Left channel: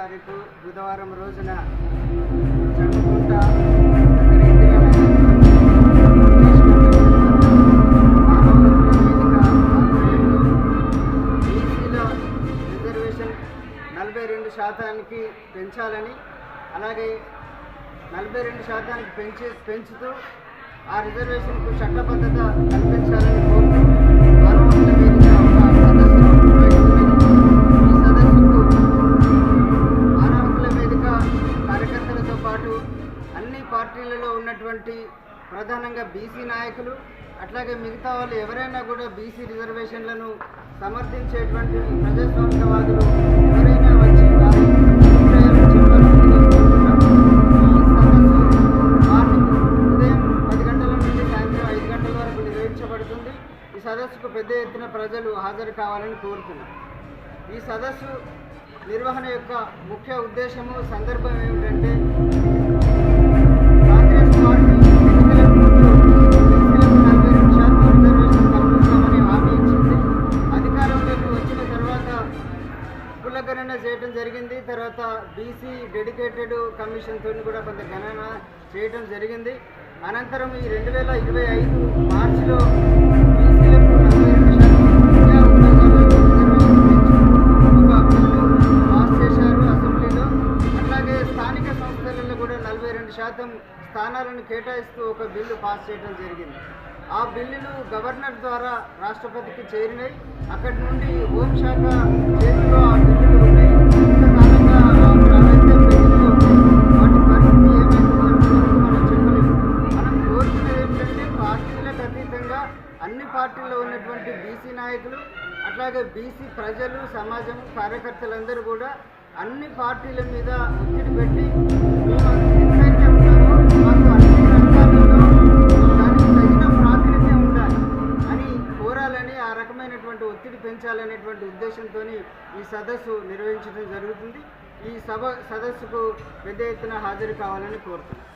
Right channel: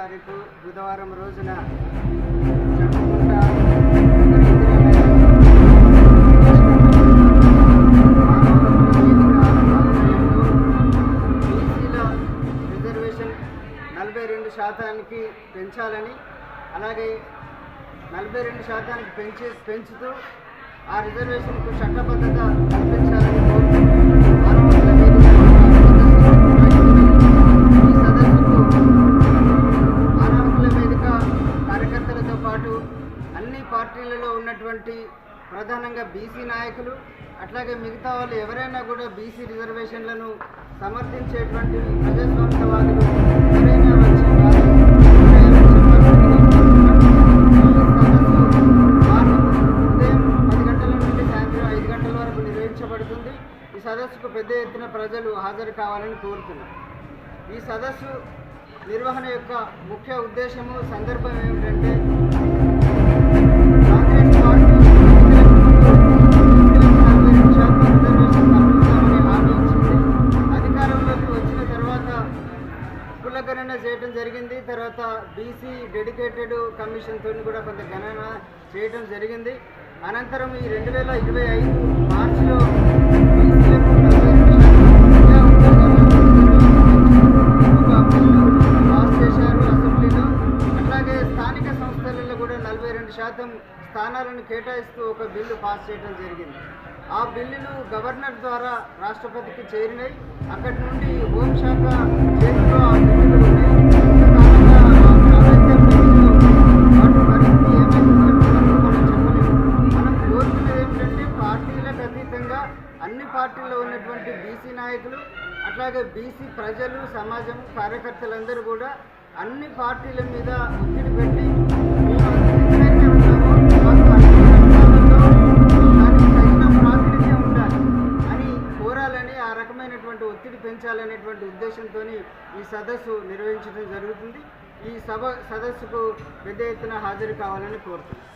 తారీఖు బుధవారం రోజున జమ్మికుంట నగర ఇందిరానగర్ మానవ హక్కుల వేదిక రిజర్వేషన్ నలభై రెండు శాతానికి పెంచాలని అలాగే నలభై రెండు శాతానికి పెంచి పెంచుతూ ఆ రిజర్వేషన్కు చట్టబద్ధత కల్పించాలని కోరుతూ నాయకులు అన్ని పార్టీలలో ఉన్నటువంటి ప్రధానంగా బీసీ నాయకులు అట్లాగే మిగతా వాళ్ళు ఎవరైనా కూడా బీసీ రిజర్వేషన్లను సమర్థించేటువంటి ప్రజాస్వామ్యవాదులు ఎవరైనా వచ్చి వారి సదస్సు మార్నింగ్ ఉదయం పది గంటల నుండి సాయంత్రం ఐదు గంటల వరకు నిర్వహించబడుతుంది. ఈ సదస్సుకు పెద్ద ఎత్తున ప్రజలు హాజరు కావాలని కోరుతున్నాం. ఈ సదస్సు నిర్వహణ యొక్క ముఖ్య ఉద్దేశము సందర్భం ఏమిటంటే కాంగ్రెస్ పార్టీ ఎన్నికలకు ముందు నలభై రెండు శాతం రిజర్వేషన్ కల్పిస్తామని హామీ ఇచ్చింది. అధికారంలోకి వచ్చిన తర్వాత కులగణన చేయడం జరిగింది. తర్వాత బీసీ డెడికేటెడ్ కమిషన్తో కూడా కొంత గణన చేయడం జరిగింది. అనంతరం ఈ రెండు వేల ఇరవై ఐదు మార్చిలో బీసీలకు అలాగే స్థానిక సంస్థలలో కూడా నలభై రెండు శాతం స్థానాలను కేటాయిస్తూ ఒక బిల్లు పాస్ చేయడం జరిగింది. ఆ బిల్లులు గవర్నర్ ద్వారా రాష్ట్రపతికి చేరినాయి. అక్కడి నుండి హోంశాఖ చేతిలో ఆ బిల్లులు ఉన్నాయి. ఇంతకాలంగా వాటి పరిస్థితి ఏమైతుందో మనం చెప్పలేము. మనం కోరుకునేది ఏంటంటే పార్టీలకు అతీతంగా అన్ని పార్టీల్లో ఉన్నటువంటి బీసీ నాయకులు అట్లాగే బీసీ ప్రజలు సమాజం కార్యకర్తలందరూ కూడా అన్ని పార్టీల మీద ఒత్తిడి పెట్టి మేము ఎక్కడైతే ఉన్నామో మాకు అన్ని రంగాలలో దానికి తగిన ప్రాతినిధ్యం ఉండాలి అని కోరాలని ఆ రకమైనటువంటి ఒత్తిడి పెంచాలనేటువంటి ఉద్దేశంతో ఈ సదస్సు నిర్వహించడం జరుగుతుంది. ఈ సభ సదస్సుకు పెద్ద ఎత్తున హాజరు కావాలని కోరుతున్నాను